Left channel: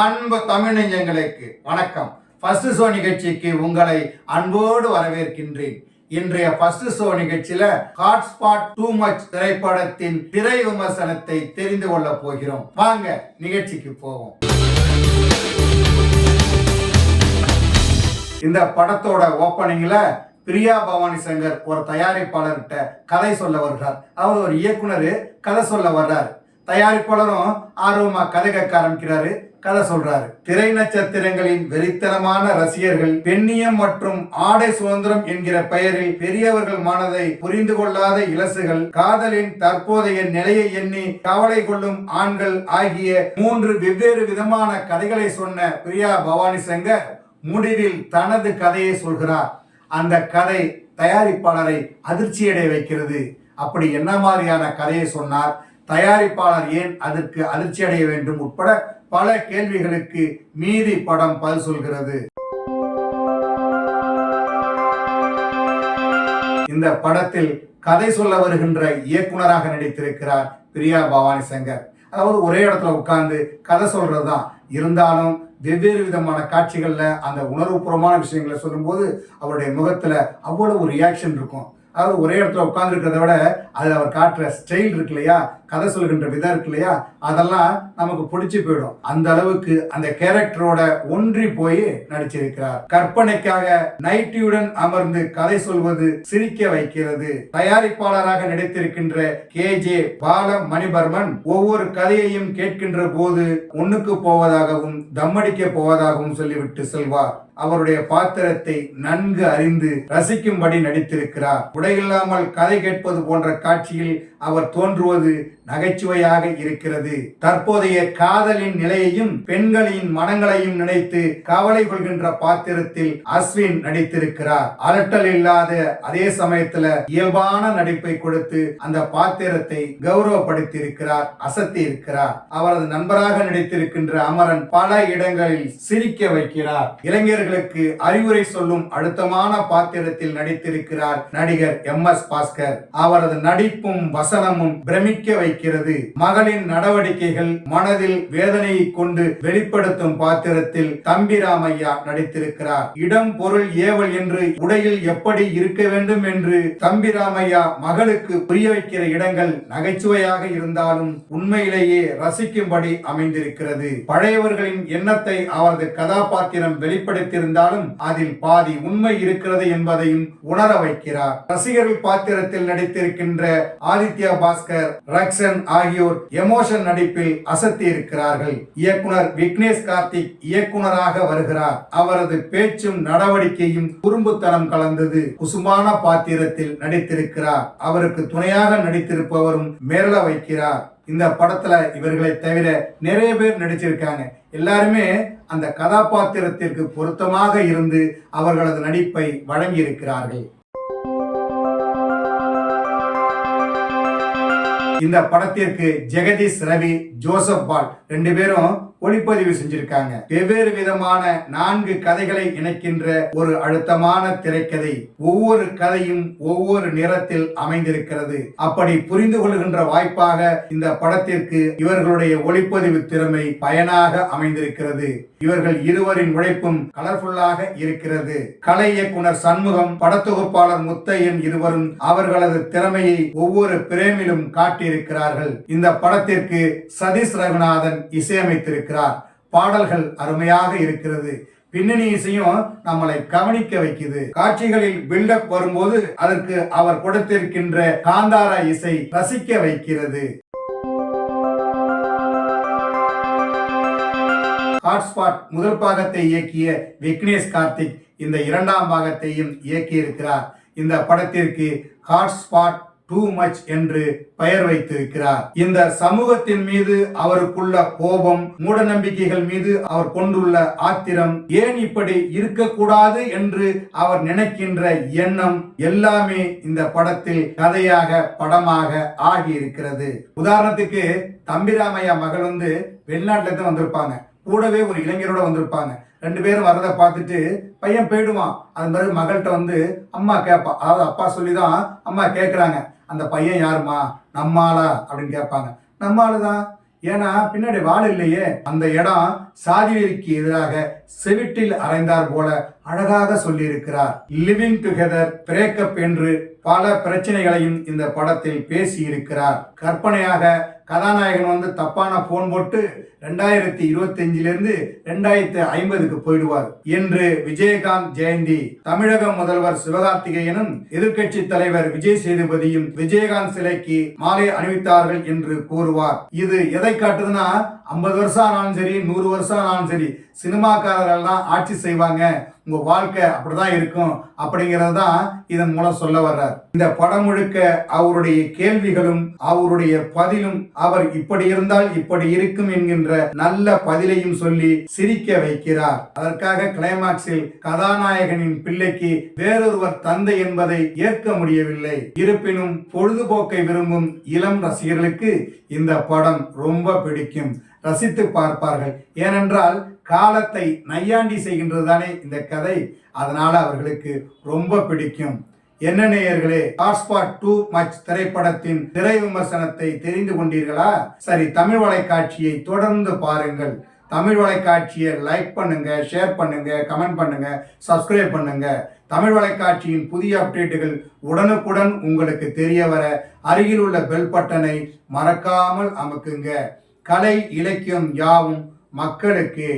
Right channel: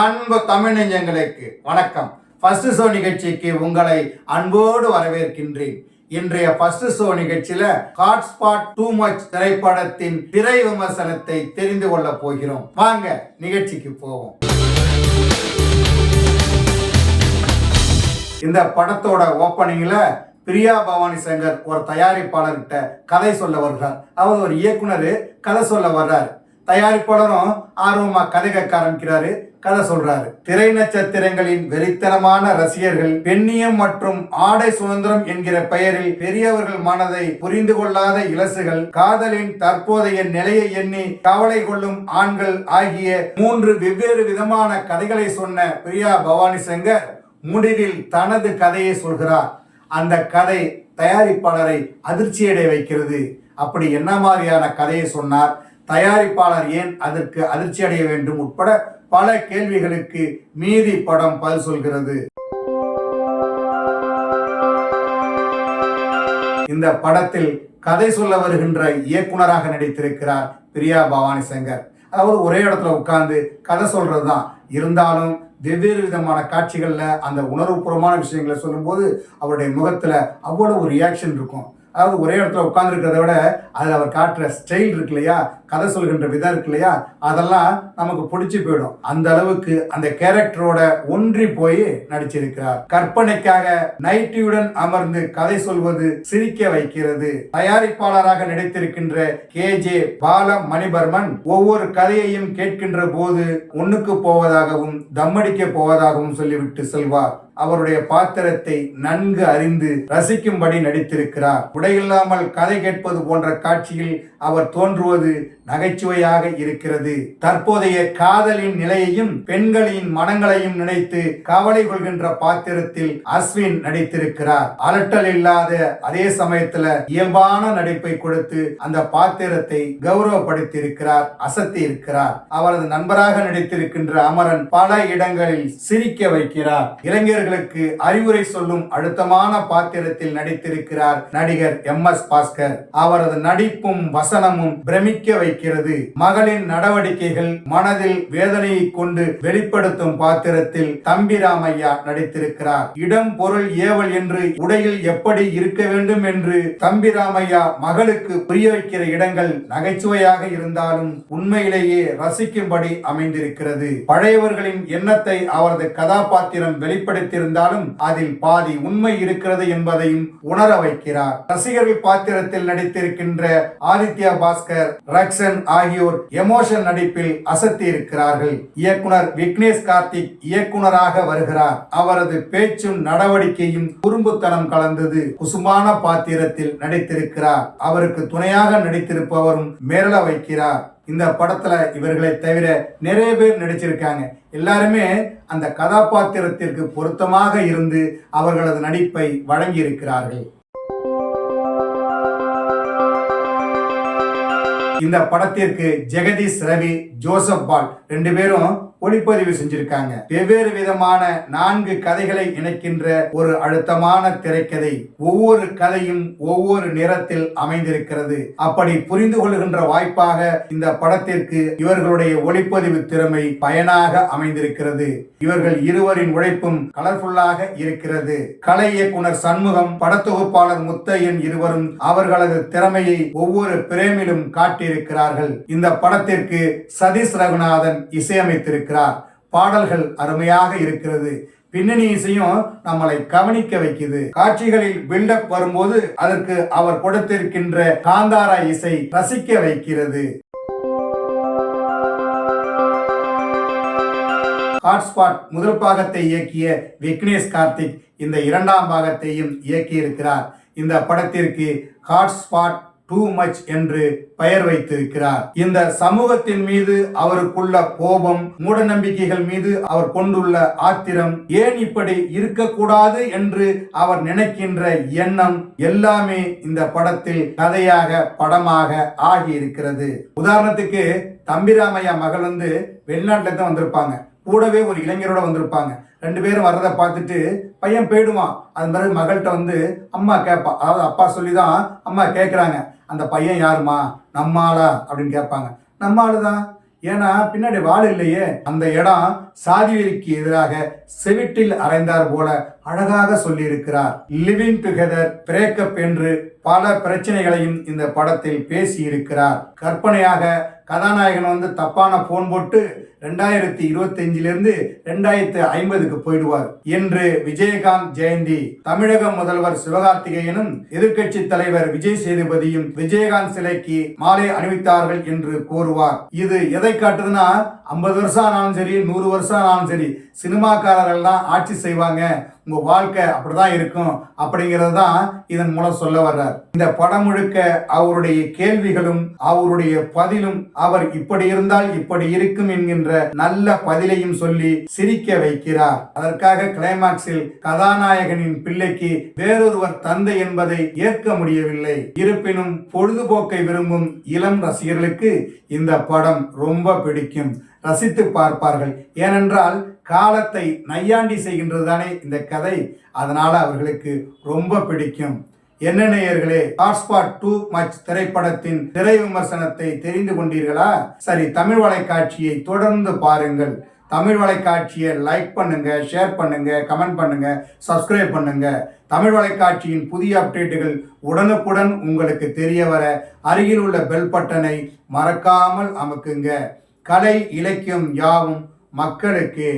அன்பு தமிழ் நெஞ்சங்களுக்கு வணக்கம். ஃபர்ஸ்ட் ஷோ நிகழ்ச்சிக்கு உங்களை அன்போடு வரவேற்கின்றேன். இன்றைய ஃபர்ஸ்ட் ஷோ நிகழ்ச்சியில ஹாட்ஸ்பாட் டூ மச் திரைப்படத்தின் திரை விமர்சனத்தை தெரிந்து கொள்ள போகிறோம். வாங்க நிகழ்ச்சிக்கு போவோம். இந்த படத்தோட ஓப்பனிங்ல பிரியா பவானி சங்கர் ஒரு தயாரிப்பாளர்கிட்ட கதை சொல்ல வருகிறார். அவர் ஒரு இயக்குனர் கதை சொல்ல வர்றாரு. தயாரிப்பாளரும் ஆர்வமா கதை கேட்க ஆரம்பிக்கிறாரு, கதை சொல்றாரு. திரை நட்சத்திரங்களின் வெறித்தனமான ரசிகர்கள் பெண்ணியம் மற்றும் ஆடை சுதந்திரம் என்கிற பெயரில் பெரியவர்கள் மனதை புரிந்து கொள்ளாத இலசுகள், காதலின் தற்போதைய நிலையை எண்ணி கவலை கொள்ளும் ஆண்கள் ஆகிய 3 வெவ்வேறு விதமான கதைகளை சொன்ன பிரியா பவானி சங்கர் முடிவில் தனது கதையை சொல்கிறார். அந்த கதை தயாரிப்பாளரை அதிர்ச்சியடைய வைக்கிறது. அப்படி என்ன மாதிரியான கதையை சொன்னார், தயாரிப்பாளர் ஏன் அதற்கு அதிர்ச்சி அடைய வேண்டும் உட்பட பல கேள்விகளுக்கு மீதி படம் பதில் சொல்கிறது. இந்த படத்தில் கதை சொல்ல வருகின்ற இயக்குனராக நடித்திருக்கிறார் பிரியா பவானி சங்கர். அதாவது ஒரே இடத்துல உட்கார்ந்து கதை சொல்றதுதான், இருந்தாலும் வெவ்வேறு விதமான காட்சிகள்ல அந்த உணர்வுபூர்வமான விஷயங்களை சொல்லும்போது அவருடைய முகத்துல அவ்வளவு ஒரு ரியாக்ஷன் இருக்கும். அதாவது ஒரே இடத்துல உட்கார்ந்து இருக்கிறத விட அதில் அவர் காட்டுற ஸ்டைல் இருக்கு இல்லையா, கதை சொல்கின்ற விதம் இருக்கு இல்லையா, அதெல்லாம் நமக்கு பிடிச்சி போயிடும். அந்த அளவுக்கு அந்த கேரக்டரோட ஒன்றி போய் நடிச்சிருக்கிறார். கற்பனைக்காக நைட்டியுடன் அமர்ந்து கதை சொல்வது சிரிக்க வைக்கிறது. தயாரிப்பாளராக நடித்திருக்கின்ற KJ பாலமணிவர்மன் ஒவ்வொரு கதையையும் கேட்கின்ற போது ஒண்ணுக்கு போவதாகவும் தம்மடிக்க போவதாகவும் சொல்லிவிட்டு செல்வார். அவருடைய பாத்திரத்தை நன்கு அறிந்து ரசிக்கும்படி நடித்திருக்கிறார். உடையில்லாமல் கதை கேட்பது போன்ற காட்சியில் அவர் தோன்றுவது நகைச்சுவையாக இருக்கிறது. தற்போதைய காதலின் நிலையையும் பெண்களின் மனங்களையும் நினைத்து கவலை கொள்கின்ற பாத்திரத்தில் அஸ்வின் நடித்திருக்கிறார். அலட்டல் இல்லாத அதே சமயத்துல இயல்பான நடிப்பை கொடுத்து அந்த பாத்திரத்தை கௌரவப்படுத்தியிருக்கிறார், அசத்தி இருக்கிறார். அவரது நண்பராக நடித்திருக்கின்ற அமரன் பல இடங்களில் சிரிக்க வைக்கிறார். இளைஞர்களுக்கு அறிவுரை சொல்லும் அழுத்தமான பாத்திரத்தில் நடித்திருக்கிறார் நடிகர் MS பாஸ்கர். அவரது நடிப்பும் வசனமும் பிரமிக்க வைக்கிறது. மகளின் நடவடிக்கைகள் மனதில் வேதனையை கொண்டு வெளிப்படுத்தும் பாத்திரத்தில் தம்பிராமையா நடித்திருக்கிறார். இடம் பொருள் ஏவல் என்று உடையில் எப்படி இருக்க வேண்டும் என்று தம்பிராமையா மகளுக்கு புரிய வைக்கிற இடங்கள் நகைச்சுவையாக இருந்தாலும் உண்மையிலேயே ரசிக்கும்படி அமைந்திருக்கிறது. பழையவர்களின் எண்ணத்தை அவரது கதாபாத்திரம் வெளிப்படுத்தியிருந்தாலும் அதில் பாதி உண்மை இருக்கிறது என்பதையும் உணர வைக்கிறார். ரசிகர்கள் பாத்திரத்தில் நடித்திருக்கின்ற ஆதித்யா பாஸ்கர், ரக்ஷன் ஆகியோர் எமோஷன் நடிப்பில் அசத்தி இருக்கிறார்கள். இயக்குனர் விக்னேஷ் கார்த்திக் இயக்குனராக வருகிறார். அவரது பேச்சும் நடவடிக்கையும் குறும்புத்தனம் கலந்தது. குசுமான பாத்திரத்தில் நடித்திருக்கிறார். அவருக்கு துணையாக நடித்திருப்பவரும் மிரள வைக்கிறார். இந்த படத்துல இவர்களை தவிர நிறைய பேர் நடிச்சிருக்காங்க. எல்லாருமே அந்த கதாபாத்திரத்திற்கு பொருத்தமாக இருந்து அவர்களது நடிப்பை வழங்கி இருக்கிறார்கள். இந்த படத்திற்கு ஜெகதீஷ் ரவி, ஜோசப் பால் 2 பேரும் ஒளிப்பதிவு செஞ்சிருக்காங்க. வெவ்வேறு விதமான 4 கதைகளை இணைக்கின்ற ஒரு அழுத்தமான திரைக்கதை. ஒவ்வொரு கதையும் ஒவ்வொரு நிறத்தில் அமைந்திருக்கிறது. அப்படி புரிந்து கொள்கின்ற வாய்ப்பாக இந்த படத்திற்கு இவர்களுடைய ஒளிப்பதிவு திறமை பயனாக அமைந்திருக்கிறது. இவர்கள் இருவரின் உழைப்பும் கலர்ஃபுல்லாக இருக்கிறது. கலை இயக்குனர் சண்முகம், படத்தொகுப்பாளர் முத்தையன் இருவரும் அவர்களது திறமையை ஒவ்வொரு பிரேமிலும் காட்டியிருக்கிறார்கள். இந்த படத்திற்கு சதீஷ் ரகுநாதன் இசையமைத்திருக்கிறார். பாடல்கள் அருமையாக இருக்கிறது. பின்னணி இசையும் நம்மளை கவனிக்க வைக்குது. காட்சிகளில் பில்டப் வரும்போது அதற்கு அவர் கொடுத்திருக்கின்ற காந்தாரா இசை ரசிக்க வைக்கிறது. ஹாட்ஸ்பாட் முதல் பாகத்தை இயக்கிய விக்னேஷ் கார்த்திக் இந்த 2ஆம் பாகத்தையும் இயக்கியிருக்கிறார். இந்த படத்திற்கு ஹாட்ஸ்பாட் டூ மச் என்று பெயர் வைத்திருக்கிறார். இந்த சமூகத்தின் மீது அவருக்குள்ள கோபம், மூட நம்பிக்கைகள் மீது அவர் கொண்டுள்ள ஆத்திரம், ஏன் இப்படி இருக்கக்கூடாது என்று அவர் நினைக்கின்ற எண்ணம் எல்லாமே இந்த படத்தில் கதையாக படமாக ஆகி இருக்கிறது. உதாரணத்துக்கு தம்பிராமையா மகள் வெளிநாட்டுல தான் வந்திருப்பாங்க. கூடவே ஒரு இளைஞரோட வந்திருப்பாங்க. 2 பேரும் வர்றதை பார்த்துட்டு பையன் போயிடுவான். அது பிறகு மகள்கிட்ட அம்மா கேட்பான். அதாவது அப்பா சொல்லிதான் அம்மா கேட்குறாங்க, அந்த பையன் யாருமா, நம்மாளா அப்படின்னு கேட்பாங்க. நம்மாளுதான். ஏன்னா பின்னாடி வாள் இல்லையே. அந்த இடம் சாதி வெறிக்கு எதிராக செவிட்டில் அறைந்தார் போல அழகாக சொல்லியிருக்கிறார். லிவிங் டுகெதர், பிரேக்கப் என்று பல பிரச்சனைகளையும் இந்த படத்தில் பேசி இருக்கிறார். கற்பனையாக கதாநாயகன் தப்பான போன் போட்டு 2025 2050 போயிடுவார் என்று விஜயகாந்த் ஜெயந்தி, தமிழக முதல்வர் சிவகார்த்திகேயனும் எதிர்க்கட்சி தலைவர் விஜய் சேதுபதியும் விஜயகாந்த் சிலைக்கு மாலை அணிவித்தார்கள் என்று கூறுவார். இது எதை காட்டுதுன்னா, 50 வருஷம் ஆனாலும் சரி, 100 வருஷம் ஆனாலும் சரி, சினிமாக்காரர்கள் தான் ஆட்சி செய்வாங்க, உங்க வாழ்க்கை அப்படிதான் இருக்கும் அப்படிங்கிறது தான் இதன் மூலம் சொல்ல வர்றார். இந்த படம் முழுக்க அவருடைய கேள்விகளும் அவருடைய பதிலும், அவர் இப்படி இருந்தால் இப்படி இருக்கும் என்கின்ற நல்ல பதிலையும் சொல்லி சிரிக்க வைக்கிறார். அதற்காக கிளைமாக்ஸில் கதாநாயகனின் பிள்ளைக்கு வேறொருவர் தந்தை என்பதை ஏற்க முடியவில்லை. இருப்பினும் பொழுதுபோக்கை விரும்பும் இளம் ரசிகர்களுக்கு இந்த படம் ரொம்ப பிடிக்கும், ரசித்து பார்ப்பார்கள். ஏனென்றால் காலத்தை நையாண்டி செய்கின்றது தானே இந்த கதை, அதனால அவர்களுக்கு ரொம்ப பிடிக்கும். என்ன நேயர்களே, ஹாட்ஸ்பாட் டூ மச் திரைப்படத்தின் திரை விமர்சனத்தை தெரிந்து கொண்டீர்களா? சரி, தமிழ் வலைக்காட்சியை தொடர்ந்து பாருங்கள். தமிழ் வலைக்காட்சியை லைக் பண்ணுங்க, ஷேர் பண்ணுங்க, கமெண்ட் பண்ணுங்க, சப்ஸ்கிரைப் பண்ணுங்க. தமிழ் வலைக்காட்சியின் புதிய அப்டேட்டுகள் உடனுக்குடன் உங்களுக்கு தெரிய வர அருகில் உள்ள பெல் பட்டனை மறக்காமல் அமுக்குங்க. கலை இலக்கியம் யாவும் மக்களுக்கு.